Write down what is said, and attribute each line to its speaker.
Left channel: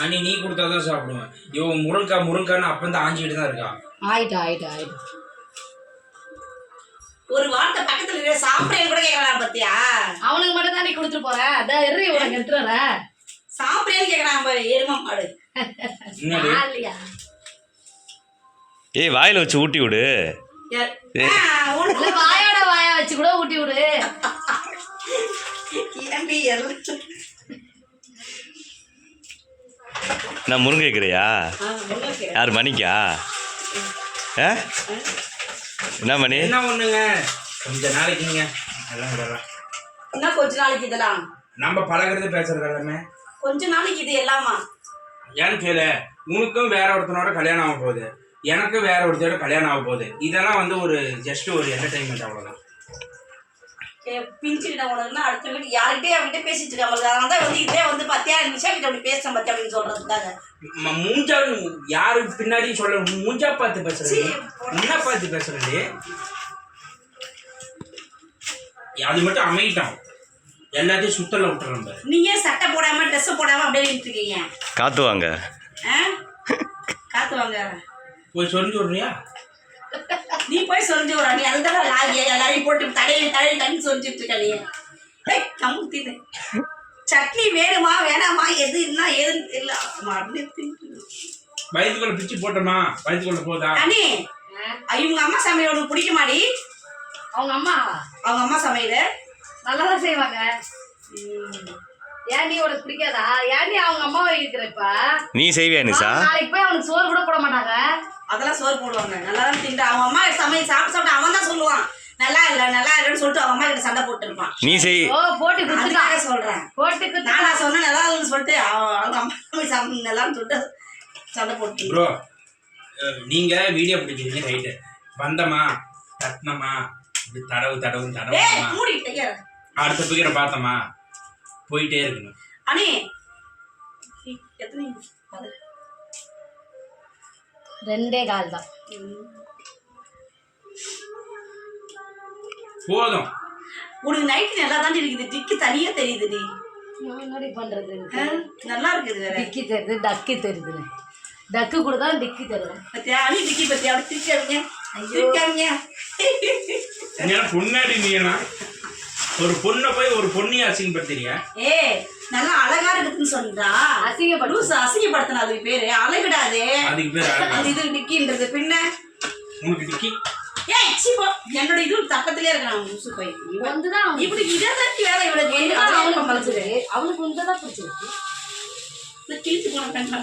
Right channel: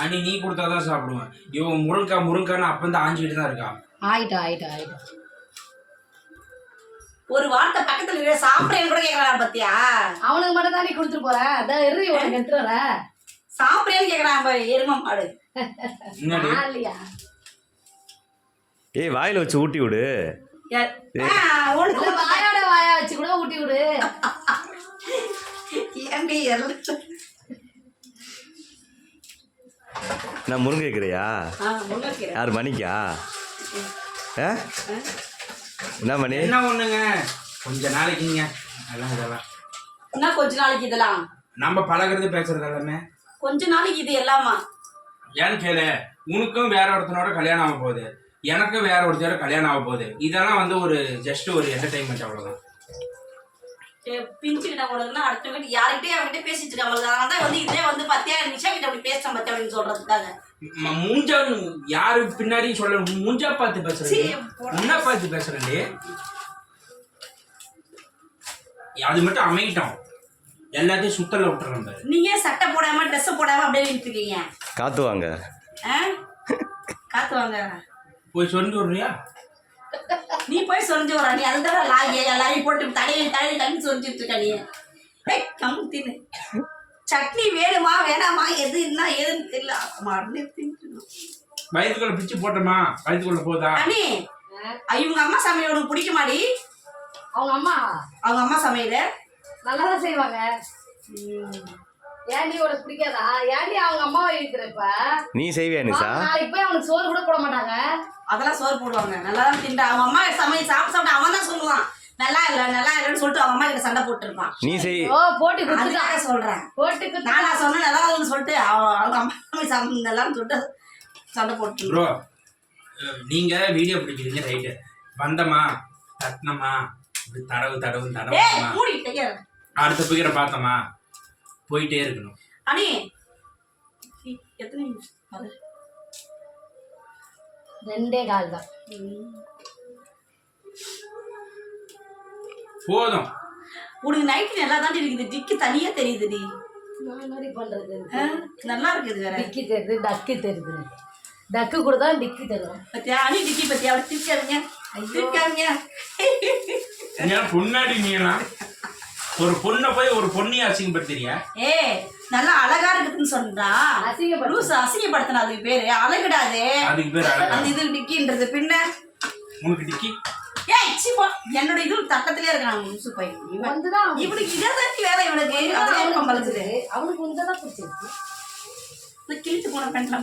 Speaker 1: அண்ணி நீ கொடுத்தாதான் சாப்பிடுவேன். இவன் முருங்கா முருங்கான்னு அப்ப இருந்து ஆஞ்சிக்கிட்டு தான் இருக்கா?
Speaker 2: ஆயிட்டா ஆயிட்டா ஆயிட்டா.
Speaker 3: ஒரு வார்த்தை பக்கத்துல இருக்கிற சாப்பிட்றேன்னு கூட கேட்கறான் பத்தியா?
Speaker 2: அவனுக்கு மட்டும் தான் நீ கொடுத்துட்டு போற. அதான் எரி உனக்கு எடுத்துட்டு வர.
Speaker 3: சாப்பிட்றேன்னு கேட்கறான் பாரு எரும மாடு.
Speaker 1: என்னடி
Speaker 2: நான் இல்லையா?
Speaker 4: ஏய் வாயில் வச்சு ஊட்டி விடு?
Speaker 3: ஆ,
Speaker 2: இல்ல
Speaker 4: நான் முருங்கை இருக்கிறியா
Speaker 3: ஆ, முன்னோக்கி.
Speaker 4: யார் மணிக்கா? ஆ? என்ன மணி?
Speaker 1: என்ன ஒண்ணுங்க? கொஞ்ச நாளைக்குங்க அதெல்லாம் விடலாம்
Speaker 3: இன்னும் கொஞ்ச நாளைக்கு இதெல்லாம்?
Speaker 1: நம்ம பழகுறது பேசுறது எல்லாமே.
Speaker 3: கொஞ்ச நாளைக்கு இது எல்லாமா?
Speaker 1: ஏன்னு கேளு. உனக்கும் வேற ஒருத்தனோட கல்யாணம் ஆக போகுது. எனக்கும் வேற ஒருத்தரோட கல்யாணம் ஆக போகுது. இதெல்லாம் வந்து ஒரு ஜஸ்ட் ஒரு என்டர்டைன்மெண்ட் அவ்வளவுதான்.
Speaker 3: பிஞ்சுக்கிட்ட உனக்குன்னா அடுத்த வீட்டு யார்கிட்டயும் அவகிட்ட பேசிட்டு இருக்காங்க அதனால தான் வந்து இதே வந்து பத்தியா நிமிஷம் கிட்ட அப்படி பேசுறேன் பத்தியா அப்படின்னு சொல்றதுக்காக.
Speaker 1: மூஞ்சா யாரு பின்னாடி சொல்ல மூஞ்சா பார்த்து பேசுறேன்.
Speaker 3: சீ,
Speaker 1: முன்ன பார்த்து பேசுறேன்டி அது மட்டும் அமையிட்டோம் எல்லாத்தையும் சுத்தல விட்டுறோம்
Speaker 3: நீங்க ஏன் சட்டை போடாம ட்ரெஸ் போடாம அப்படியே இருக்கீங்க?
Speaker 4: காத்து வாங்க.
Speaker 3: ஆ? காத்து வாங்க.
Speaker 1: போய் சொல்லி விடுறியா?
Speaker 3: நீ போய் சொரிஞ்சு வர நீ அதுதான் லாகிய எல்லாரையும் போட்டு தலையில தலையில தண்ணி சொரிஞ்சிட்டு இருக்க நீ. ஏய், கம்மு தின்னு. சட்னி வேணுமா வேணாமா எது என்ன ஏதுன்னு தெரியல. மறந்து தின்னு
Speaker 1: வயிற்றுக்குள்ள பிச்சு போட்டோமா? வயிற்றுக்குள்ள போதா?
Speaker 3: அண்ணி இவங்க அம்மா சமையல் உனக்கு பிடிக்குமாடி?
Speaker 2: அவங்க அம்மா?
Speaker 3: அவங்க அம்மா சமையல்?
Speaker 2: நல்லா தான் செய்வாங்க ஏன்டி உனக்கு பிடிக்காதா? ஏன்டி அவங்க அம்மாவை இருக்கிற இப்ப?
Speaker 4: நீ செய்வியா நிசா
Speaker 2: நாளைக்கு போய் அவனுக்கு சோறு கூட போட மாட்டாங்க.
Speaker 3: அதெல்லாம் சோறு போடுவாங்க. நல்லா தான் தின்றா அவங்க அம்மா சமையல் சாப்பிட்டு சாப்பிட்டு அவன் தான் சொல்லுவான். நல்லா இல்லை நல்லா இல்லைன்னு சொல்லிட்டு அவங்க அம்மா கிட்ட சண்டை போட்டு இருப்பான்
Speaker 4: நீ செய்.
Speaker 2: ஓ போட்டி குத்துக்கா
Speaker 3: அதுக்காக சொல்றேன்.
Speaker 2: போட்டி குத்து
Speaker 3: நான் சொன்னேன் நல்லா இல்லைன்னு சொல்லிட்டு அவ- அவங்க அம்மா சமையல் நல்லான்னு சொல்லிட்டு சண்டை போட்டு
Speaker 1: ப்ரோ நீங்க வீடியோ பிடிக்கிறீங்க ரைட்டு வந்தமா தட்டினமா இப்படி தடவு தடவு
Speaker 3: கையற
Speaker 1: அடுத்த பிகரை பார்த்தோமா? போயிட்டே இருக்கணும்.
Speaker 3: நீ எத்தனை
Speaker 2: ரெண்டே கால் தான்.
Speaker 1: போதும்.
Speaker 3: உனக்கு நைட்டு நல்லா தான் இருக்குது. டிக்கு தனியா
Speaker 2: நான் என்னடி பண்றது?
Speaker 3: ஆ, நல்லா இருக்குது வேற.
Speaker 2: டிக்கி தெரியுது டக்கு தெரியுது டக்கு கூட தான் டிக்கி தெரியும்.
Speaker 3: பத்தியா அணி டிக்கி பத்தியா? அவளை திருக்காருங்க
Speaker 1: ஏன்னா பொண்ணாடி நீனா ஒரு பொண்ணை போய் ஒரு பொண்ணையை அசிங்கப்படுத்துறீங்க
Speaker 3: ஏ நல்லா அழகா இருக்குதுன்னு சொன்னா
Speaker 2: அசிங்கப்படு
Speaker 3: லூசு அசிங்கப்படுத்தின அதுக்கு பேரு. அழகுடாதே.
Speaker 1: அதுக்கு பேர்
Speaker 3: அந்த இது டிக்கின்றது பின்ன.
Speaker 1: உனக்கு டிக்கி
Speaker 3: ஏய் சிப்பா என்னோட இது பக்கத்திலே இருக்கான் லூசு பை இவன்
Speaker 2: வந்துதான்
Speaker 3: இவனுக்கு இதை தான் வேலை
Speaker 2: பிடிச்சிருக்கு. அவனுக்கு வந்துதான் பிடிச்சிருக்கு.
Speaker 3: கிழித்து போன பேண்ட்லாம்